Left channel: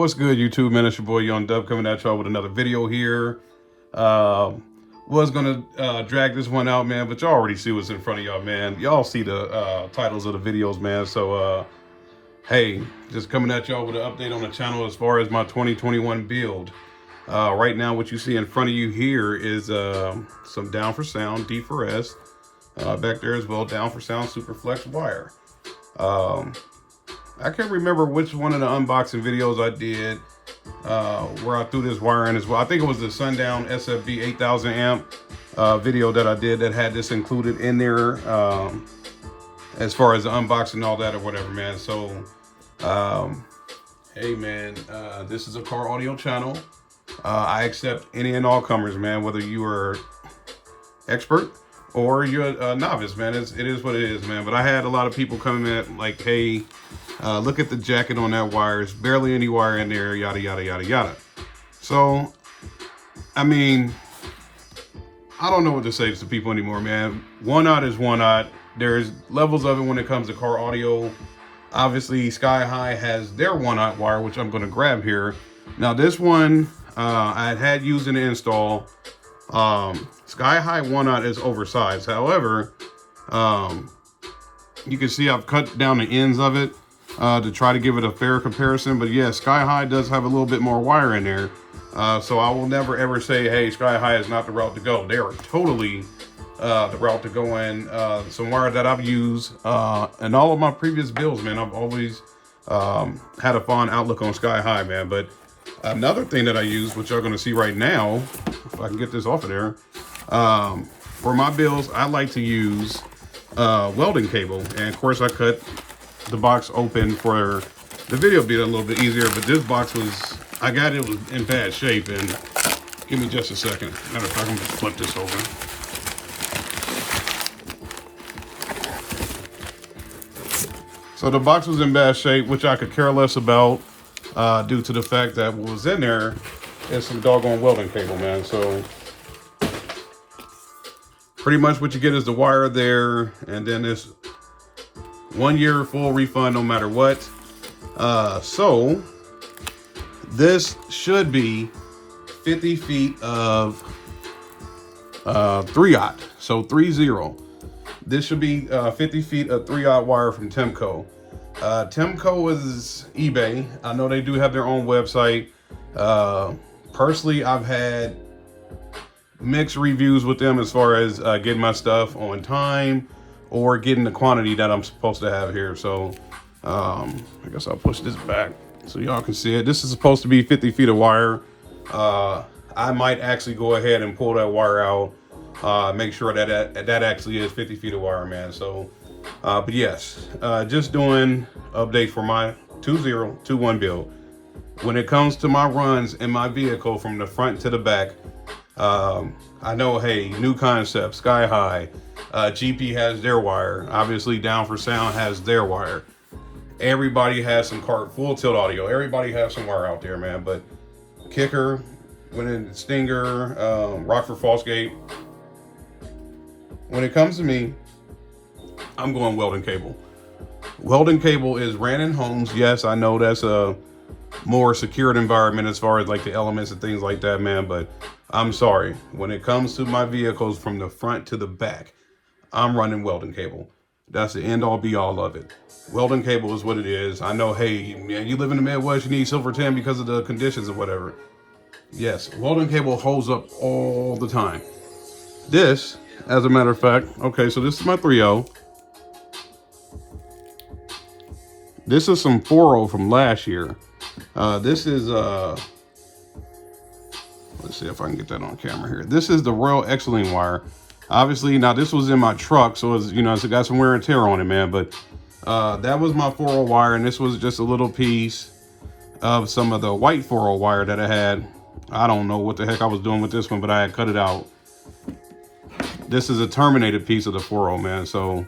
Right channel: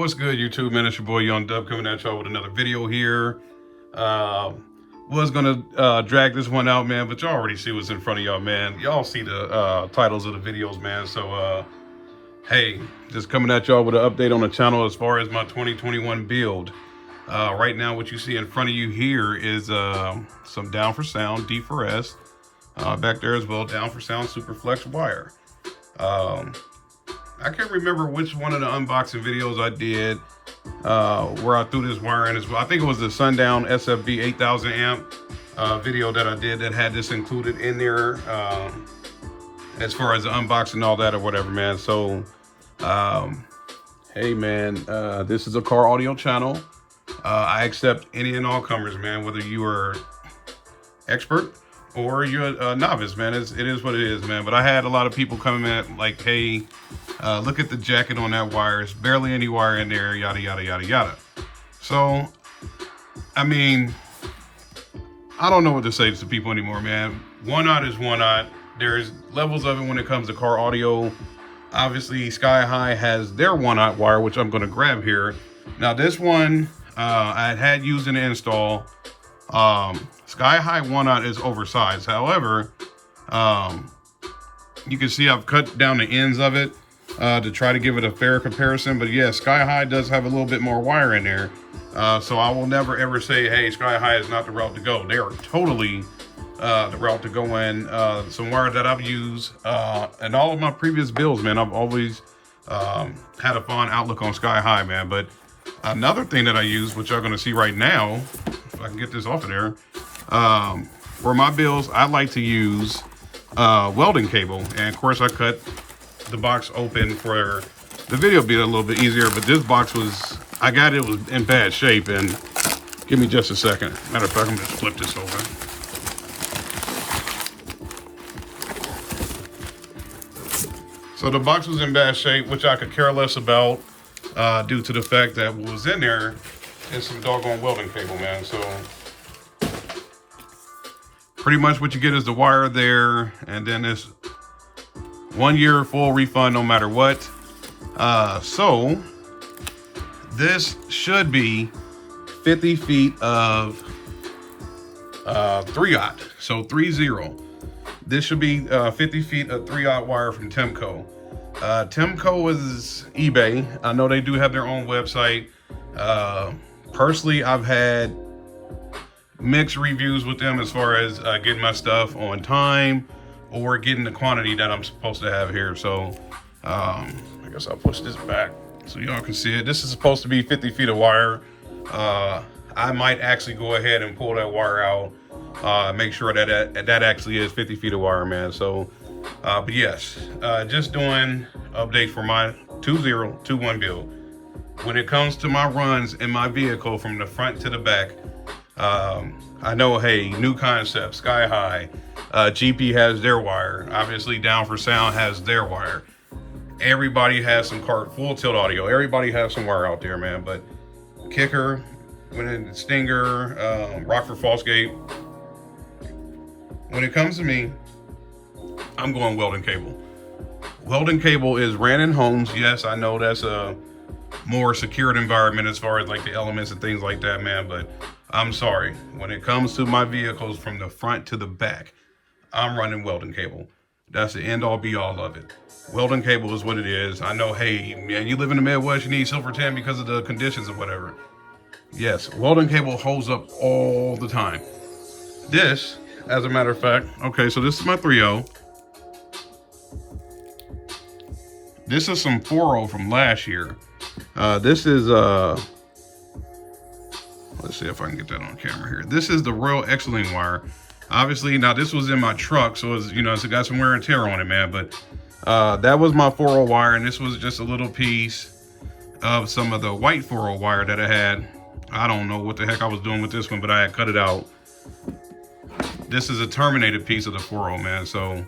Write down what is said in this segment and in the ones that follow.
What's good, YouTube, man? It's your boy Young Dub coming at y'all with another video here. Was gonna drag this one out, man, but y'all already see what's in front of y'all, man. Y'all see the titles of the videos, man. So hey, just coming at y'all with an update on the channel as far as my 2021 build. Right now, what you see in front of you here is some down for sound D for S, back there as well, down for sound super flex wire. I can't remember which one of the unboxing videos I did where I threw this wire in as well. I think it was the Sundown SFB 8000 amp video that I did that had this included in there as far as the unboxing and all that or whatever, man. So, hey, man, this is a car audio channel. I accept any and all comers, man, whether you are expert or you're a novice, man. It is what it is, man. But I had a lot of people coming in like, hey, look at the jacket on that wire. There's barely any wire in there, yada, yada, yada, yada. So, I mean, I don't know what to say to people anymore, man. One knot is one knot. There's levels of it when it comes to car audio. Obviously, Sky High has their one knot wire, which I'm going to grab here. Now, this one I had used in the install. Sky High one knot is oversized. However, you can see I've cut down the ends of it to try to give it a fair comparison. But yeah, Sky High does have a little bit more wire in there. So I will never ever say, hey, Sky High is not the route to go. They are totally the route to go in. Some wire that I've used in all of my previous builds, man. I've always had a fond outlook on Sky High, man. But another thing that I use, which you're going to see right now, if I can get this off of there, for my builds, I like to use welding cable. And of course, I cut the box open for the video to be a little bit easier. But this box was, it was in bad shape. And give me just a second. Matter of fact, I'm going to flip this over. So the box was in bad shape, which I could care less about due to the fact that what was in there is some doggone welding cable, man. So pretty much what you get is the wire there, and then this 1 year full refund no matter what. So this should be 50 feet of 3/0, so 30. This should be 50 feet of 3/0 wire from Temco. Temco is eBay. I know they do have their own website. Personally, I've had mixed reviews with them as far as getting my stuff on time or getting the quantity that I'm supposed to have here. So I guess I'll push this back so y'all can see it. This is supposed to be 50 feet of wire. I might actually go ahead and pull that wire out, make sure that that actually is 50 feet of wire, man. So but yes, just doing update for my 2021 build. When it comes to my runs in my vehicle from the front to the back, I know, hey, new concept, Sky High, GP has their wire. Obviously, Down for Sound has their wire. Everybody has some full tilt audio. Everybody has some wire out there, man. But Kicker, Stinger, Rockford Fallscape. When it comes to me, I'm going welding cable. Welding cable is ran in homes. Yes, I know that's a more secured environment as far as like the elements and things like that, man. But I'm sorry, when it comes to my vehicles from the front to the back, I'm running welding cable. That's the end all be all of it. Welding cable is what it is. I know, hey, man, you live in the Midwest, you need silver tin because of the conditions or whatever. Yes, welding cable holds up all the time. This, as a matter of fact, okay, so this is my 3/0. This is some 4/0 from last year. This is, let's see if I can get that on camera here. This is the Royal Excellent wire. Obviously, now this was in my truck, so it's, you know, it's got some wear and tear on it, man. But that was my 4/0 wire, and this was just a little piece of some of the white 4/0 wire that I had. I don't know what the heck I was doing with this one, but I had cut it out. This is a terminated piece of the 4/0, man. So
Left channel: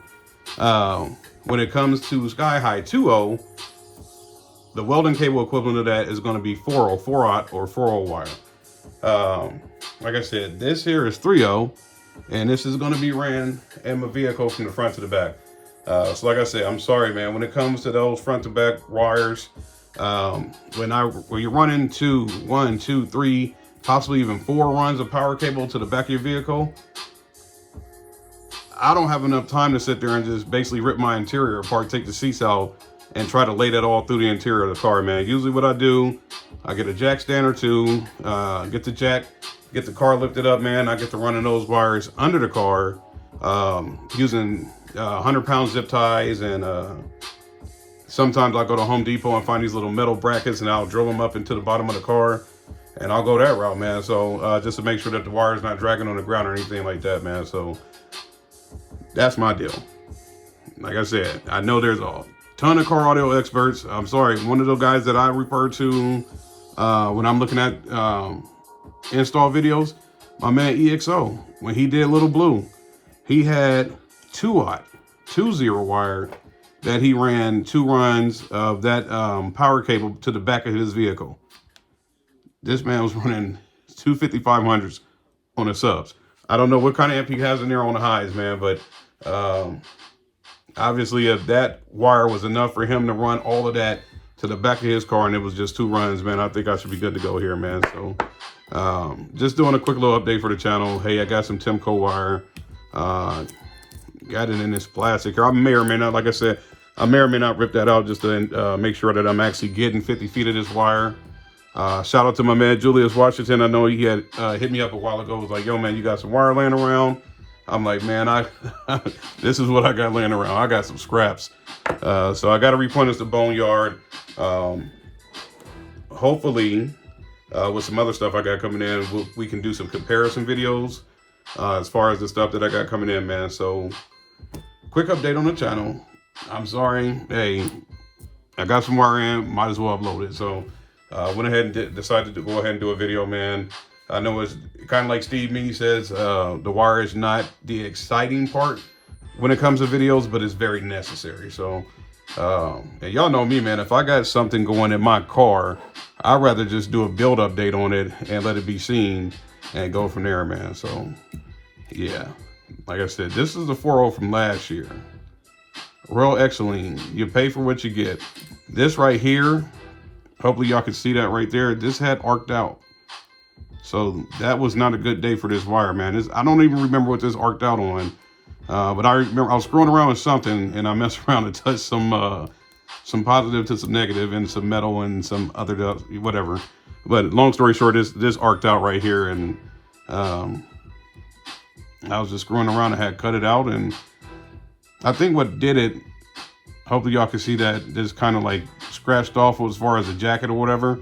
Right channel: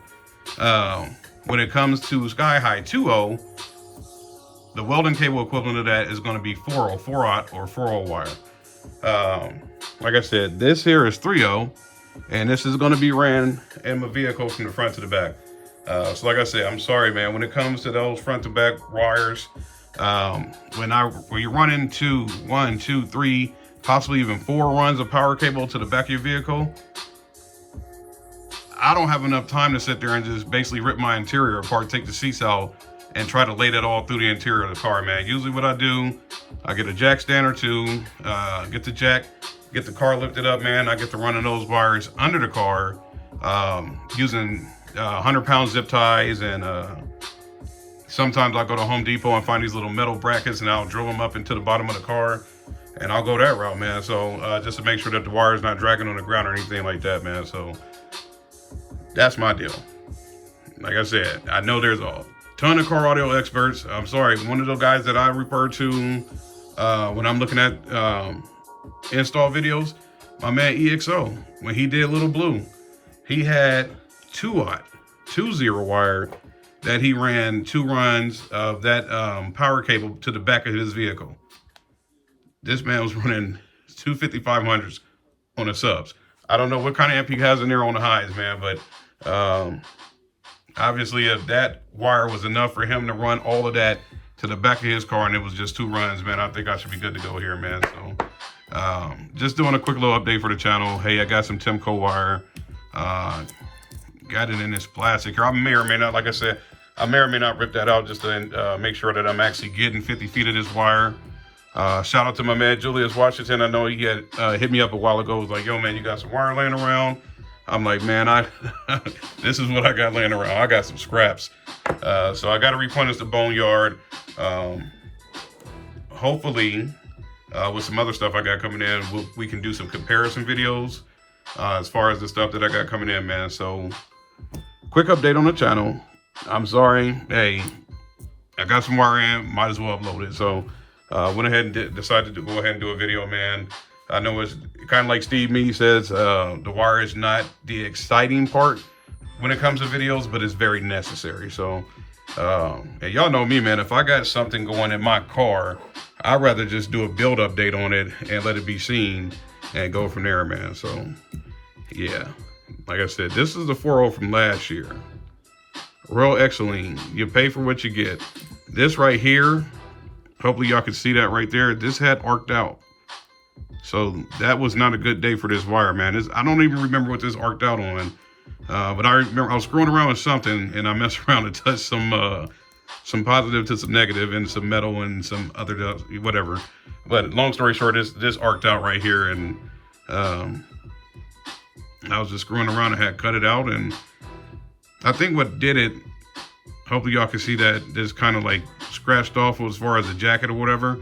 when it comes to Sky High 2/0, the welding cable equivalent of that is going to be 4/0, 4/0 or 4/0 wire. Like I said, this here is 3/0, and this is going to be ran in my vehicle from the front to the back. So like I said, I'm sorry, man. When it comes to those front to back wires, When you're running 2, 1, 2, 3, possibly even 4 runs of power cable to the back of your vehicle, I don't have enough time to sit there and just basically rip my interior apart, take the seats out, and try to lay that all through the interior of the car, man. Usually what I do, I get a jack stand or two, get the jack, get the car lifted up, man. I get to running those wires under the car, using 100-pound zip ties, and sometimes I'll go to Home Depot and find these little metal brackets, and I'll drill them up into the bottom of the car, and I'll go that route, man. So just to make sure that the wire is not dragging on the ground or anything like that, man. So that's my deal. Like I said, I know there's a ton of car audio experts. I'm sorry, one of those guys that I refer to when I'm looking at install videos, my man EXO, when he did Little Blue, he had 2-aught, 2-0 wire that he ran 2 runs of that power cable to the back of his vehicle. This man was running 2 5500s on the subs. I don't know what kind of amp he has in there on the highs, man, but obviously if that wire was enough for him to run all of that to the back of his car and it was just 2 runs, man, I think I should be good to go here, man. So just doing a quick little update for the channel. Hey, I got some Temco wire. Got it in this plastic here. I may or may not, like I said, I may or may not rip that out just to make sure that I'm actually getting 50 feet of this wire. Shout out to my man Julius Washington. I know he had hit me up a while ago. Was like, yo, man, you got some wire laying around? I'm like, man, this is what I got laying around. I got some scraps. So I got to replenish the boneyard. Hopefully, with some other stuff I got coming in, we can do some comparison videos as far as the stuff that I got coming in, man. So quick update on the channel. I'm sorry. Hey, I got some wire in. Might as well upload it. So went ahead and decided to go ahead and do a video, man. I know it's kind of like Steve Me says, the wire is not the exciting part when it comes to videos, but it's very necessary. So, and y'all know me, man, if I got something going in my car, I'd rather just do a build update on it and let it be seen and go from there, man. So, yeah, like I said, this is the 4.0 from last year. Royal Exceline, you pay for what you get. This right here, hopefully y'all can see that right there. This had arced out. So that was not a good day for this wire, man. I don't even remember what this arced out on. But I remember I was screwing around with something and I messed around and touched some positive to some negative and some metal and some other whatever. But long story short, this arced out right here, and I was just screwing around and had cut it out. And I think what did it, hopefully y'all can see that this kind of like scratched off as far as the jacket or whatever.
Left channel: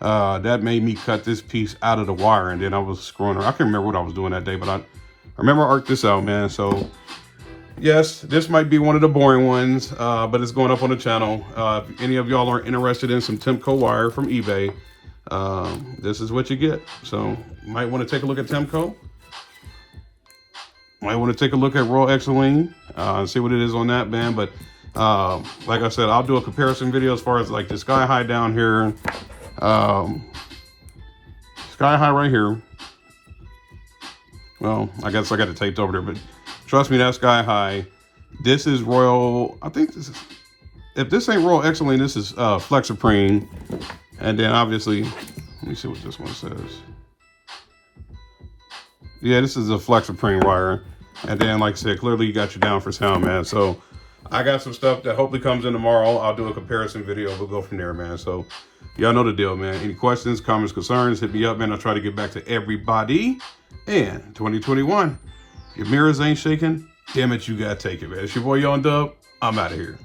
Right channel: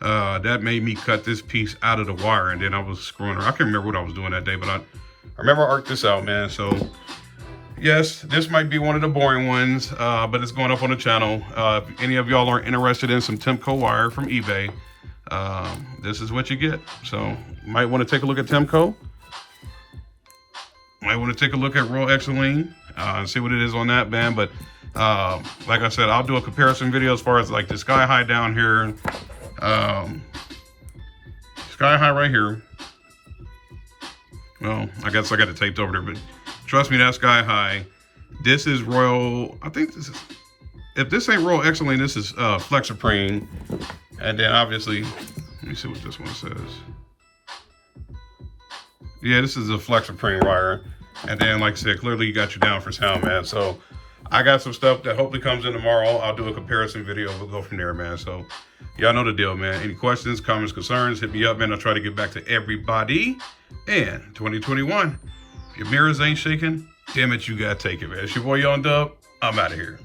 That made me cut this piece out of the wire, and then I was screwing around. I can't remember what I was doing that day, but I remember I arced this out, man. So yes, this might be one of the boring ones, but it's going up on the channel. If any of y'all are interested in some Temco wire from eBay, this is what you get. So you might want to take a look at Temco. Might want to take a look at Royal Exceline and see what it is on that, man. But like I said, I'll do a comparison video as far as like the Sky High down here. Sky High right here. Well, I guess I got it taped over there, but trust me, that's Sky High. This is Royal, I think this is, if this ain't Royal Exceline, this is Flex Supreme. And then obviously, let me see what this one says. Yeah, this is a Flex Supreme wire. And then, like I said, clearly you got you down for sound, man. So I got some stuff that hopefully comes in tomorrow. I'll do a comparison video. We'll go from there, man. So y'all know the deal, man. Any questions, comments, concerns, hit me up, man. I'll try to get back to everybody. And 2021, if your mirrors ain't shaking, damn it, you gotta take it, man. It's your boy, Young Dub. I'm out of here.